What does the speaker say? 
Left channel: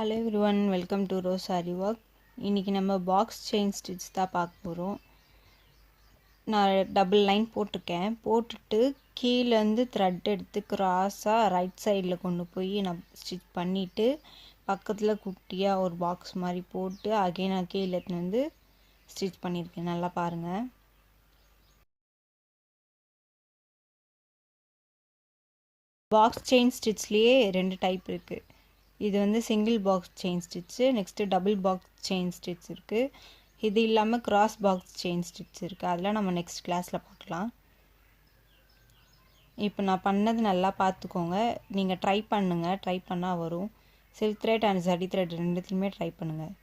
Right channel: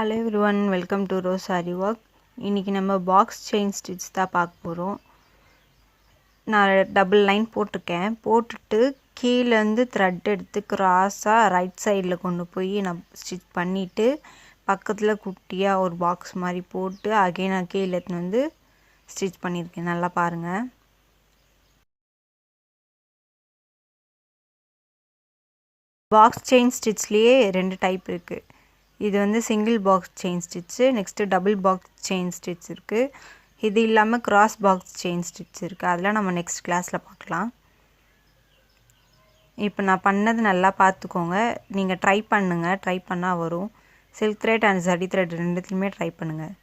Hello everyone, welcome to rose sorry work. இன்றைக்கி நம்ம box chain stitch தான் பார்க்க போகிறோம். நான் டபுள் லைன் போட்டிருக்கேன். போட்டுட்டு கீழேருந்து த்ரெட் எடுத்து க்ராஸாக ரைட் சைடில் கொண்டு போய் நான் ஸ்டிச் பண்ணிவிட்டு பக்கத்தில் குட்டியாக ஒரு பாக்ஸ் மாதிரி போட்டு நான் கீழே எடுத்துன்னு வந்து ஸ்டிச் பண்ணியிருக்கேன். நல்லா பாருங்கள். பாக்ஸ் செயின் ஸ்டிச்லேயே 2 டைப் இருக்குது. இது வந்து single box chain stitch, next double box chain stitch இருக்குது. இது இல்லாமல் கிராஸ் பாக்ஸ் செயின் ஸ்டிச் இருக்குது. அதெல்லாம் நம்ம நெக்ஸ்ட் கிளாஸில் பார்க்கலாம். இப்போ நான் பண்ணது நல்லா பார்த்துக்கோங்க. நீங்கள் ட்ரை பண்ணுங்கள், ட்ரை பண்ணால் வரும். Silk thread and zari thread ரெண்டுத்துலையுமே ட்ரை பண்ணுங்கள்.